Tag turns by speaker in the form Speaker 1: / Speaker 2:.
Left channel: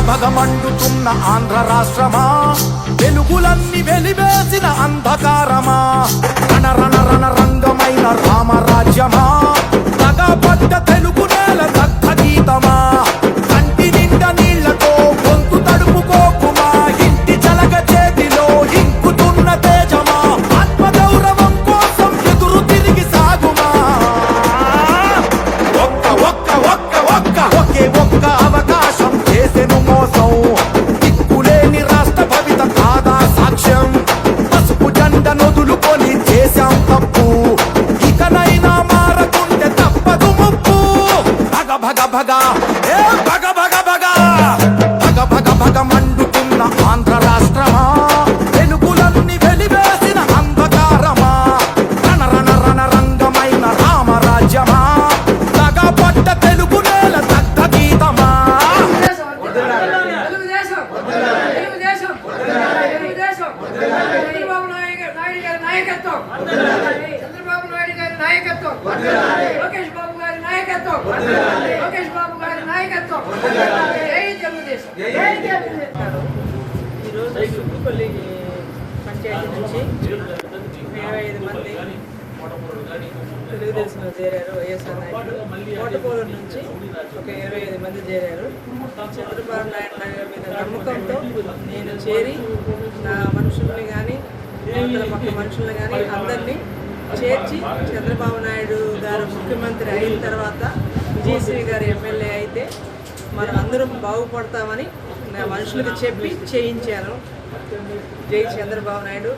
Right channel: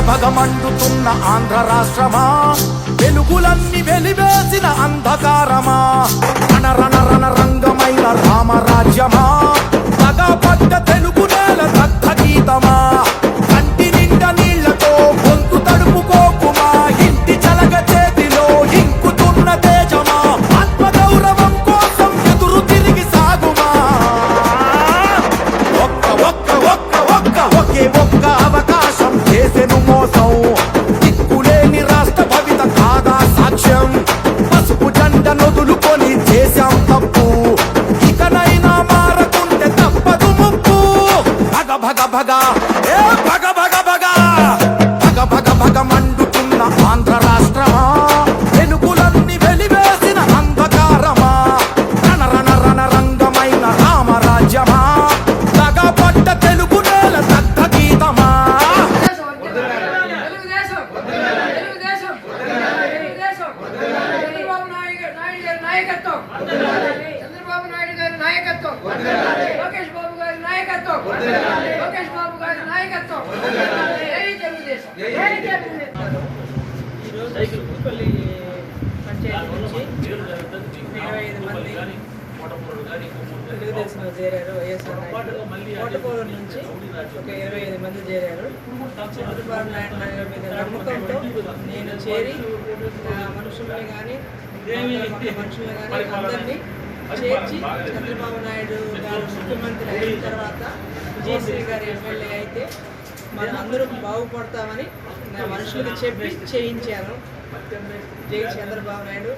Speaker 1: భగ మండుతున్న ఆంధ్ర రాష్ట్రమా? వెలుగులన్నీ వెలివేసిన అంధకారమా? రణ రణ రణ రంగమైన రామరాజ్యమా? తగపడ్డ తెలుగు నేల దగ్ధ గీతమా? కంటి నిండా నీళ్ళతో గొంతు తడుపుకోకుమా? ఇంటి చలగ చేతిలో ఇంకుతున్న తేజమా? ఆత్మగౌరవం కోసం ఎదురు తిరిగి సాగుమా? ఒక్క ఒక్క ఒక్క ఒక్క ఒకే ఒక్క కోసం దిక్కులేని రాష్ట్ర భవిత కాదా సాక్ష్యం? పసుపు జెండ నొదులుకొని చేశాం తప్పు. ఇకనైనా మారకుంటే తప్పదు ముప్పు. భగ భగ భగ. ఏ భగ భగ భగ. భగ భగ భగ మండుతున్న ఆంధ్ర రాష్ట్రమా? వెలుగులన్నీ వెలివేసిన అంధకారమా? రణ రణ రణ రంగమైన రామరాజ్యమా పట్ట తెలుగు నేల
Speaker 2: నాయకత్వం. చంద్రబాబు నాయుడు గారి నాయకత్వం. లోకేష్ బాబు గారి నాయకత్వం. లోకేష్ బాబు గారి నాయకత్వం. జై తెలుగుదేశం జై తెలుగుదేశం
Speaker 3: ఈరోజు సుబ్బుపల్లి పంచాయతీ నుంచి ఇరవై ఐదు మంది తెలుగుదేశంలో చేరారు వైఎస్ఆర్ నాయుడు కోటపోలం నుంచి ఒక ఇరవై ఐదు మంది చేరారు. చంద్రబాబు నాయుడు మీద నమ్మకంతో నేను చేరి నా మనుషుల్ని కానీ పక్క మనుషులు కానీ అందరినీ చేర్చి చంద్రబాబు నాయుడు గారు ముఖ్యమంత్రి అయిన తర్వాత విజయశ్రీ గారు ఎమ్మెల్యే అయితే మనం అందరం బాగుపడతామని నా మనుషులకు చెప్పి చేయించాను. జై చంద్రబాబు నాయుడు.